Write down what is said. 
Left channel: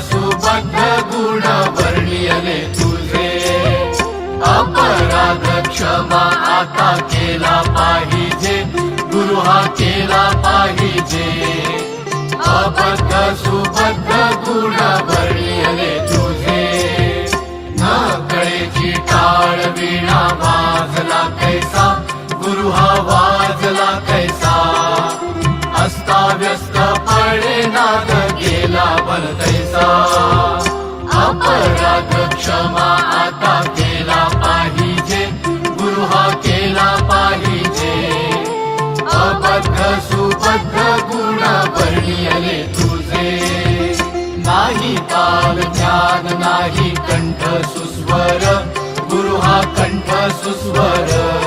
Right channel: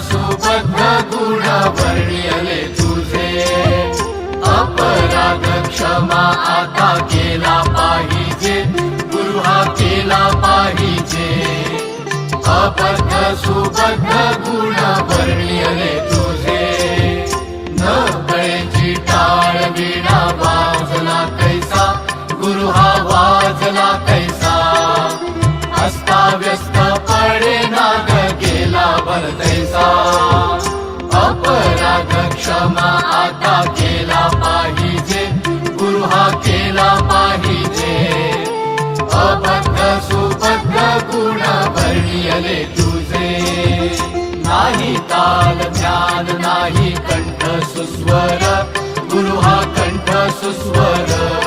सुबद्ध गुण वर्णियले तुझे. अपराध क्षमा आता केला पाहिजे. गुरु हा केला पाहिजे. अबद्ध सुबद्ध गुण वर्णियले तुझे. न गळेची टाळ विणा वाजला कैसा. गुरु हा वाजला कैसा. अस्ताव्यस्त पडे नाग गेला भरतैसा अपराध क्षमा आता केला पाहिजे. गुरु हा केला पाहिजे. अभद्र सुभद्र गुण वर्णियले तुझे. नाही काल ज्ञान नाही कंठ सुस्वर. गुरु हा कंठ सुस्वर.